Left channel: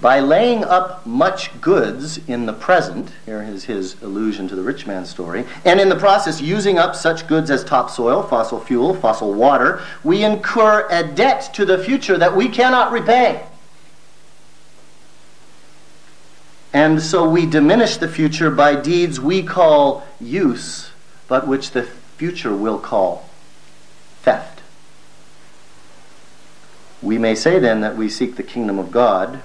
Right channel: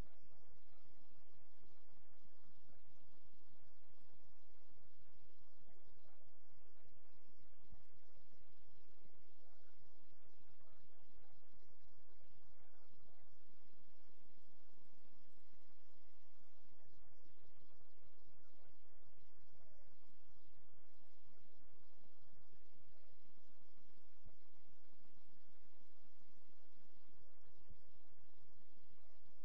by laying up much goods in the present, here is his allusion to the rich man's story, and in the process using up such goods as topsoil, fossil fuel, fossil water, we incur a debt to the future that we cannot repay. And so we diminish the future by deeds we call use, but which the future will call theft. We may say then that we seek the kingdom of God,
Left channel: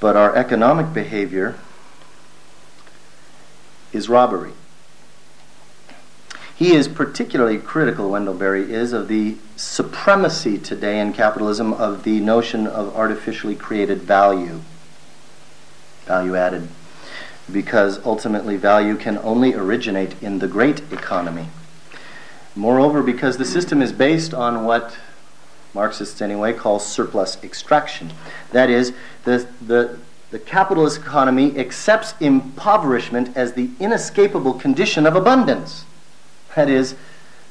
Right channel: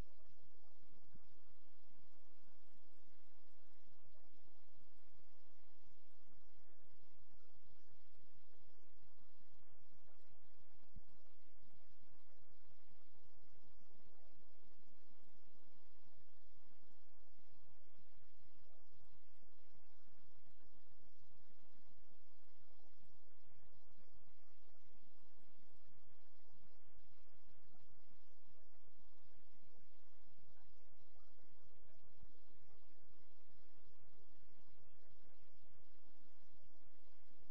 but our economic behavior is robbery. He is particularly critical, Wendell Berry is, of the supremacy today in capitalism of the notion of artificially created value added, because ultimately value can only originate in the great economy. Moreover, because the system is based on what Marxists anyway call surplus extraction. That is, the capitalist economy accepts impoverishment as the inescapable condition of abundance. That is,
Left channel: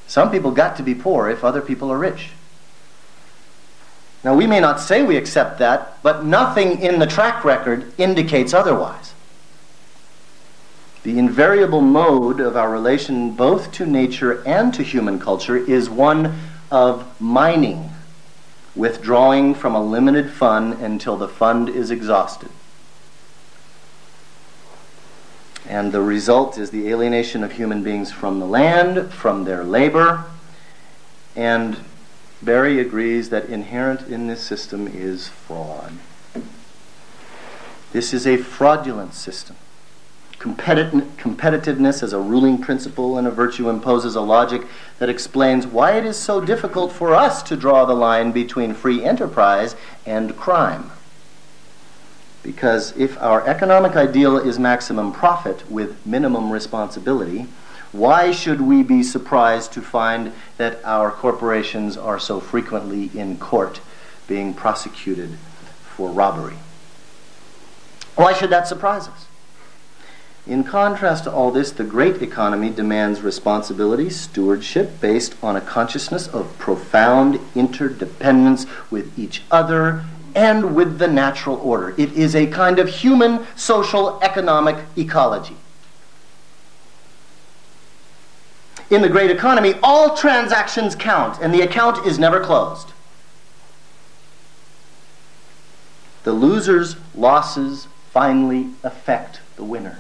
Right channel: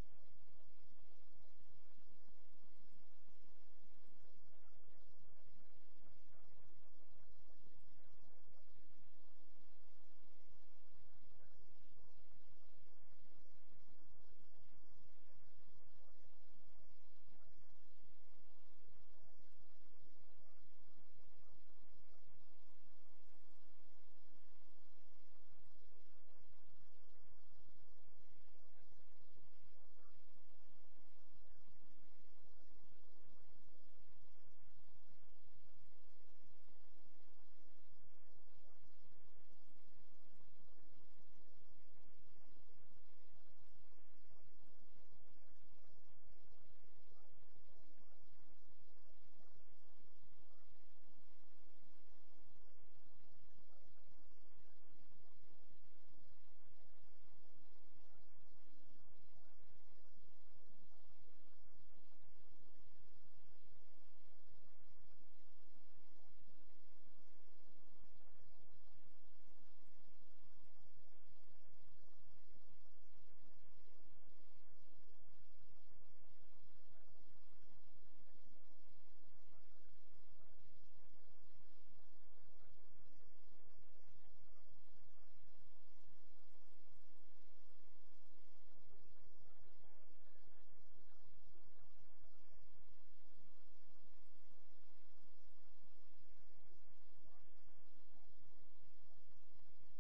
some people got to be poor if other people are rich. Now, we may not say we accept that, but nothing in the track record indicates otherwise. The invariable mode of our relation both to nature and to human culture is one of mining, withdrawing from a limited fund until the fund is exhausted. And the result is the alienation of human beings from the land, from their labor, and Berry agrees that inherent in this system is fraud. This is a fraudulent system. Competitiveness as a ruling principle and a virtue imposes a logic that explains why it is so difficult for us to draw the line between free enterprise and crime. Because if our economic ideal is maximum profit with minimum responsibility, why should we be surprised to find that our corporations are so frequently in court being prosecuted for robbery? Why should that surprise us? In contrast to all this, the great economy demands responsibility, stewardship, based on a consciousness of profound interdependence with each other and with the natural order. It is a kind of human, social, economic ecology. In the great economy, all transactions count, and the account is never closed. The loser's losses finally affect the winner.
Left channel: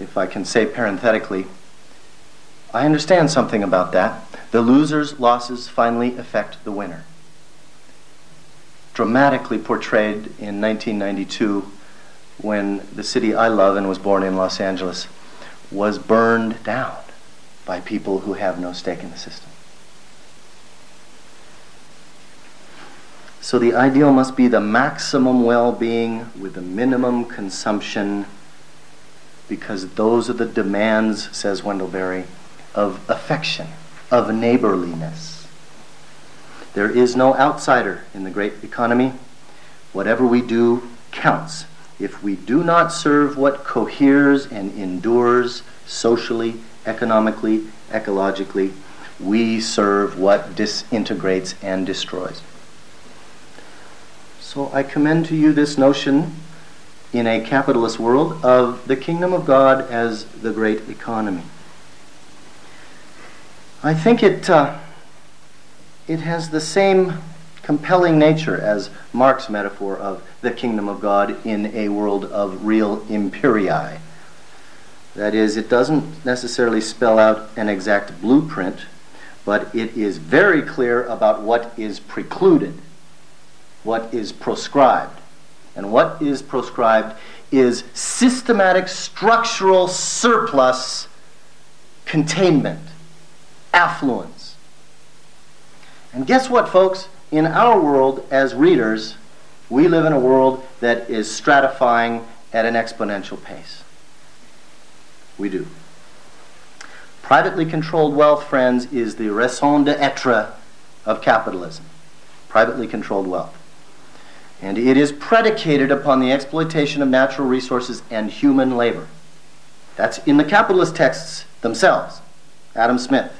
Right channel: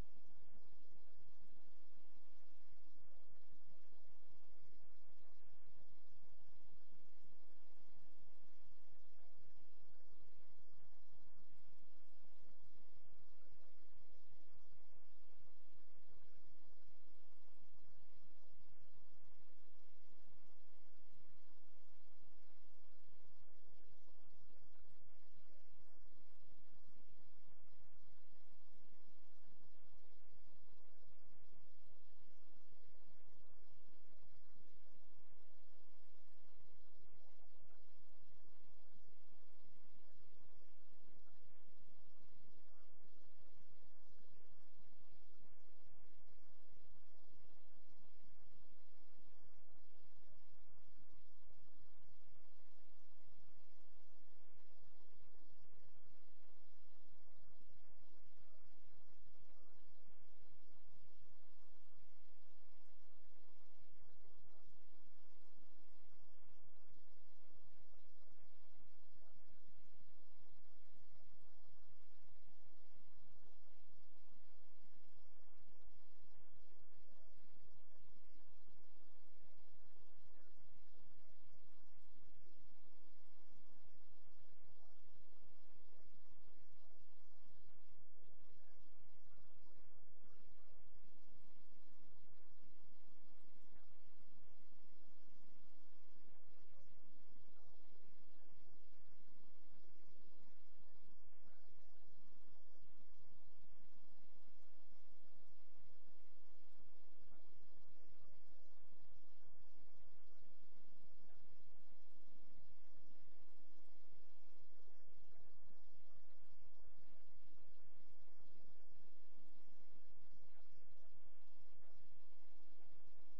If I can say parenthetically, I understand something about that. The loser's losses finally affect the winner. Dramatically portrayed in 1992 when the city I love and was born in, Los Angeles, was burned down by people who have no stake in the system. So the ideal must be the maximum well-being with the minimum consumption, because those are the demands, says Wendell Berry, of affection, of neighborliness. There is no outsider in the great economy. Whatever we do counts. If we do not serve what coheres and endures socially, economically, ecologically, we serve what disintegrates and destroys. So I commend to you this notion in a capitalist world of the kingdom of God as the great economy. I think it has the same compelling nature as Marx's metaphor of the kingdom of God in a world of real imperii. That is, it doesn't necessarily spell out an exact blueprint, but it is very clear about what is precluded, what is proscribed. And what is proscribed is systematic structural surplus containment, affluence. And guess what, folks? In our world, as readers, we live in a world that is stratifying at an exponential pace. We do. Privately controlled wealth, friends, is the raison d'etre of capitalism. Privately controlled wealth. And it is predicated upon the exploitation of natural resources and human labor. That's in the capitalist texts themselves. Adam Smith.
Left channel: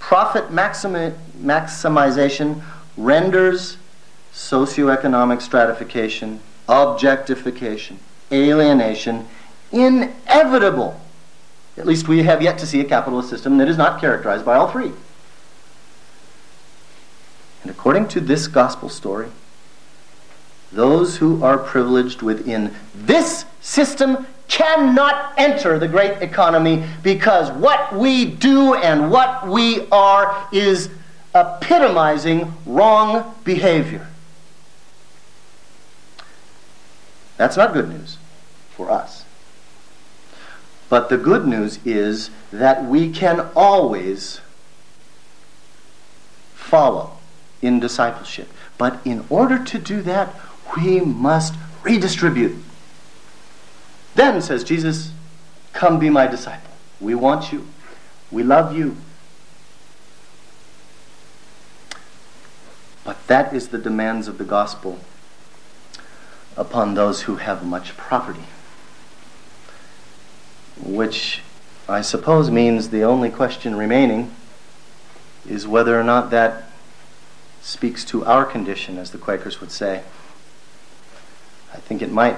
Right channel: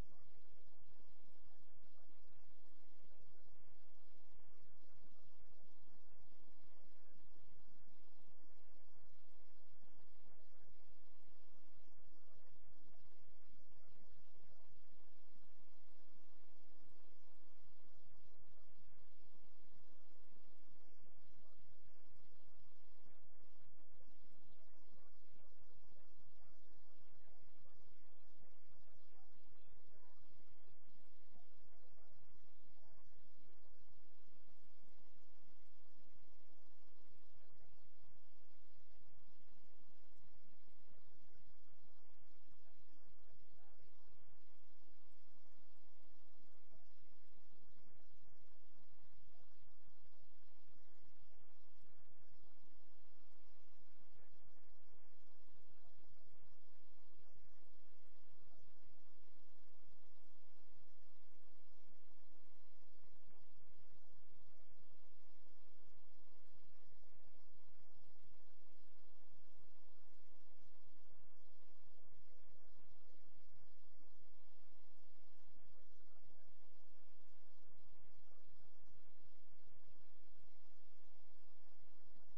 Profit maximization renders socioeconomic stratification, objectification, alienation inevitable. At least we have yet to see a capitalist system that is not characterized by all three. And according to this gospel story, those who are privileged within this system cannot enter the great economy, because what we do and what we are is epitomizing wrong behavior. That's not good news for us. But the good news is that we can always follow in discipleship. But in order to do that, we must redistribute. Then, says Jesus, come be my disciple. We want you. We love you. But that is the demands of the gospel upon those who have much property. Which I suppose means the only question remaining is whether or not that speaks to our condition, as the Quakers would say. I think it might.